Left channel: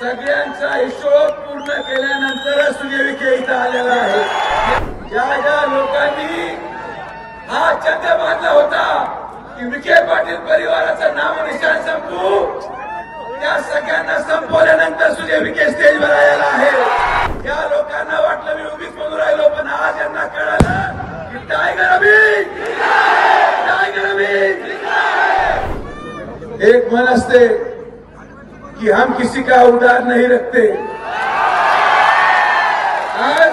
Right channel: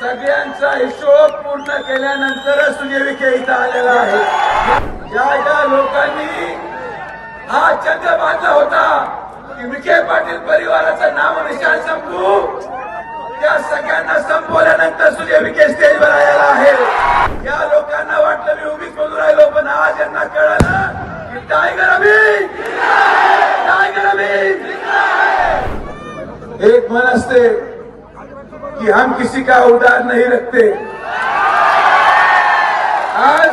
सगळ्यांचा हिशोब पूर्ण केल्यानंतर सुजय विखे इथं आलेला आहे. ज्या ज्या लोकांनी हा चंद बांधला होता की विखे पाटील परिवाराचं नाव निशाण संपू, त्या सगळ्यांना संपवल्यानंतर सुजय विखे स्टेजवर आलेला आहे. या लोकांना वाटलं मी उभीच बोलू राहिलो, पण आज यांना कळलं की टायगर अभी, टायगर अभी. एक मन असते कि हम किसी का उधार नहीं रखते. आज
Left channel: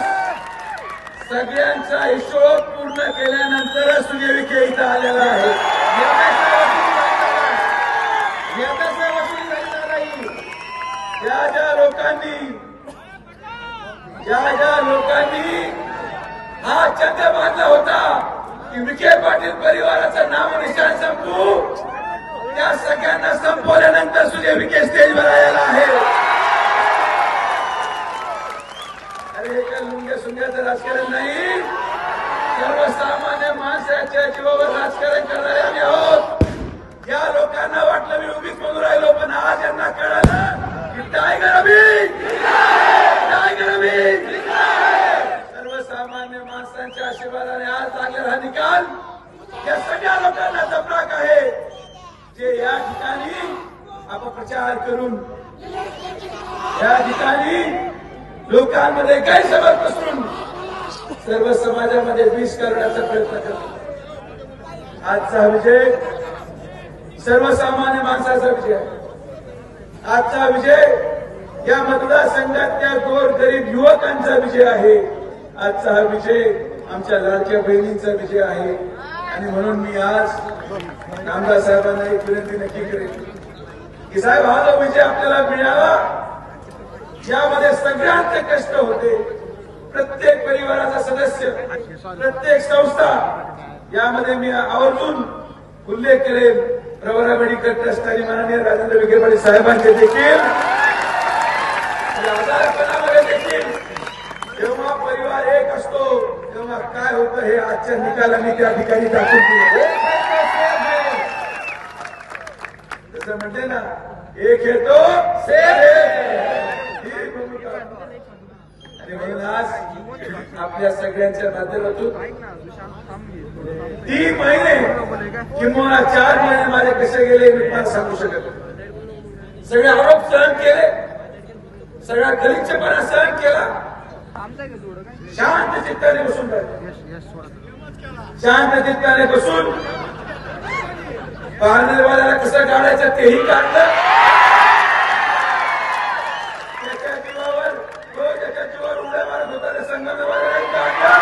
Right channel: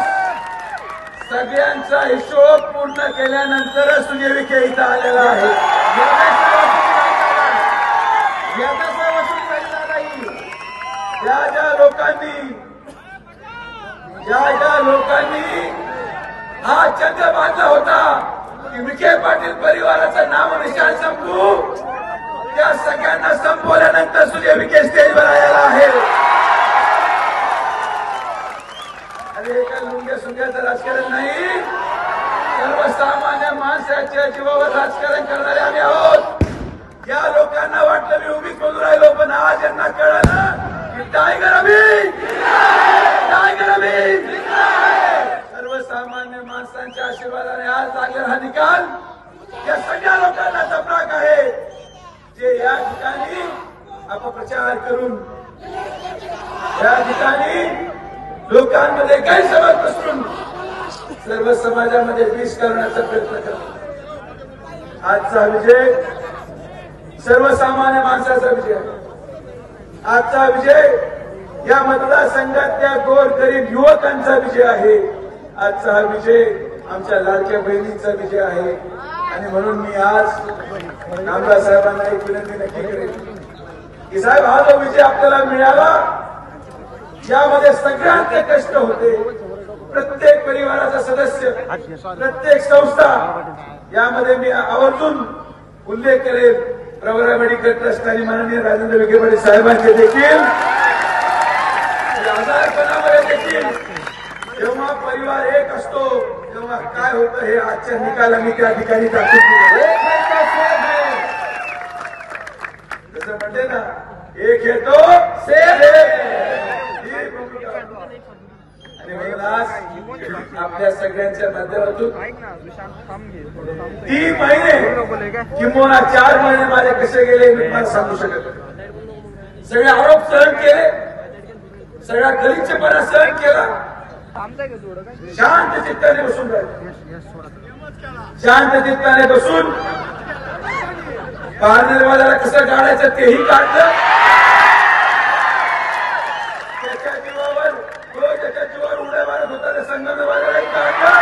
सगळ्यांचा हिशोब पूर्ण केल्यानंतर सुजय विखे इथं आलेला आहे. ज्या लोकांनी हा चंद बांधला होता की विखे पाटील परिवाराचं नाव निशाण संपू, त्या सगळ्यांना संपवल्यानंतर सुजय विखे स्टेजवर आलेला आहे. अरे एका लुंग्या सुंग्याचं राजकारण नाही, सर्वसामान्य माणसाच्या जीवावर राजकारण करणारे आम्ही आहोत. या लोकांना वाटलं मी उभीच बोलू राहिलो, पण आज यांना कळलं की टायगर अभी, टायगर अभी. सर्वसामान्य माणसांच्या आशीर्वादाने आज लागलेला हा निकाल या सगळ्या लोकांना तबराक आहे, जे या ठिकाणी अपप्रचार करून, या ठिकाणी लोकांमध्ये गैरसमज पसरून सर्व समाजामध्ये विष करण्याचा प्रयत्न करतात. आजचा विजय सर्वसामान्य माणसाचा विजय आहे. आजचा विजय या मतदारसंघातल्या गोरगरीब युवकांचा विजय आहे. आजचा हा विजय आमच्या लाडक्या बहिणींचा विजय आहे. आणि म्हणून मी आज आमदार साहेबांना एक विनंती नक्की करेन की साहेब, हा जो विजय आपल्याला मिळाला, यामध्ये सगळ्यांचे कष्ट होते. प्रत्येक परिवाराचा सदस्य, प्रत्येक संस्था, यामध्ये मी आवर्जून उल्लेख करेन प्रवरा मेडिकल ट्रस्ट आणि माननीय राजेंद्र विखे पाटील साहेबांचे देखील. आजारपणामध्ये देखील जेव्हा परिवार एक असतो तेव्हा काय होतं हे आजच्या निकालांनी त्या ठिकाणी दाखवून दिले. जसं म्हणते ना, एक येतो आणि म्हणून आज आपल्या सगळ्यांच्या माध्यमातून 3 महिने किंवा 4 महिने माझे कसे गेले मी मला सांगू शकत. सगळे आरोप सहन केले, सगळा गलिच्छपणा सहन केला, शांत चित्ताने बसून राहिले. शांत चित्ताने बसून पारनेरवाल्याला कसं काढायचं तेही काढलं. त्याच्या जीवावर, तो ज्याच्या जीवावर उड्या मारत होता त्या संगमनेरवाल्यालाही काढलं.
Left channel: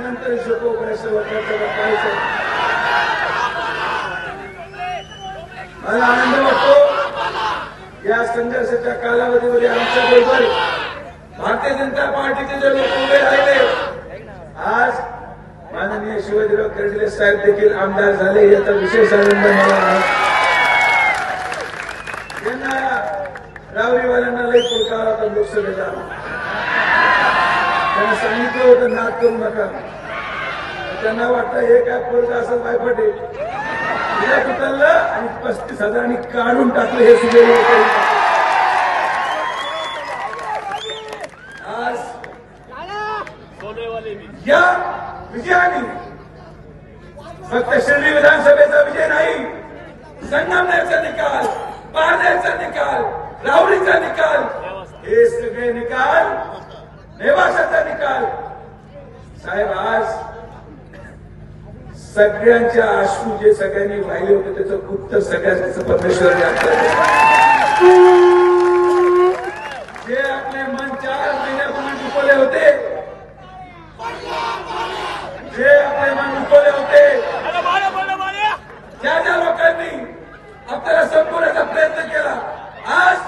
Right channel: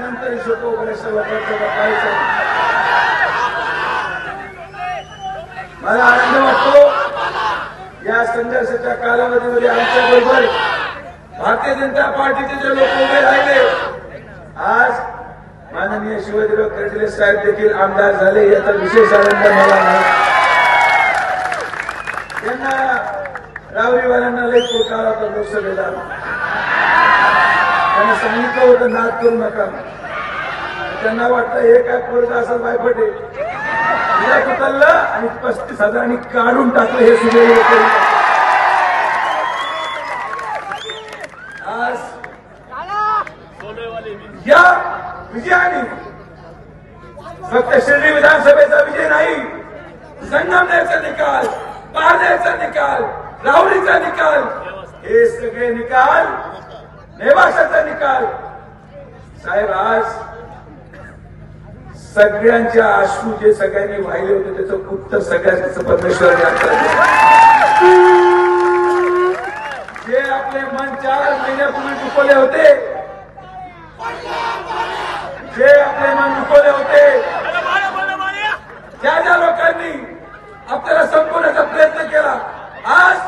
नंतर हिशोब मला आनंद वाटतो या संघर्षाच्या कालावधीमध्ये आमच्या बरोबर भारतीय जनता पार्टीचे जे लोक उभे राहिले, आज माननीय शिवाजीराव कर्डिले साहेब देखील आमदार झाले, याचा विशेष आनंद मला आहे. त्यांना रावरीवाल्यांना लई पुरकार होता लोकसभेला. त्यांनी सांगितलं होतं नाद करू नका. त्यांना वाटतं हे काय पोरगा असं बायपटे उचललं आणि 35,000 काढून टाकलं. हे सुजय विखे आज या विजयाने फक्त शिर्डी विधानसभेचा विजय नाही, संगमनेरचा निकाल, पारनेरचा निकाल, राहुरीचा निकाल, हे सगळे निकाल, नेवाशाचा निकाल. साहेब, आज सगळ्यांच्या अश्रू जे सगळ्यांनी वाहिले होते त्याचं उत्तर सगळ्यांचं परमेश्वराने आपल्याला. जे आपले मन 4 महिन्यापूर्वी दुखवले होते, जे आपले मन दुखवले होते, ज्या ज्या लोकांनी आपल्याला संपवण्याचा प्रयत्न केला, आज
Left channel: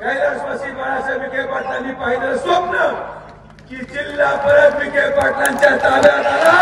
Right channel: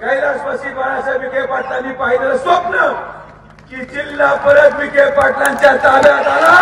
कैलासवासी बाळासाहेब विखे पाटलांनी पाहिलेलं स्वप्न की जिल्हा परत विखे पाटलांच्या ताब्यात आला.